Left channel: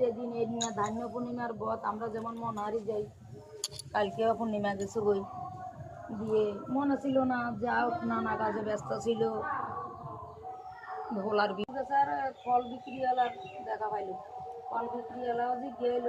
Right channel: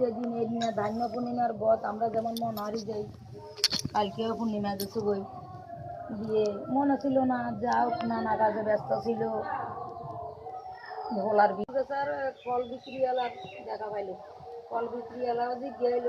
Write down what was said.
যেদিন এই দিনে ধান্য পূর্ণিমার বধ আমরা যেমন মন হারি যাই, কালকেও পূর্ণিমা গেছে গই দিয়ে মনে ছিল না, যাও নানা কাজে ব্যস্ত ছিল। ভোলার বেচার ফল বিক্রিওয়ালার দেখা পাইলো, ফল বিক্রিওয়ালাও যে গেলো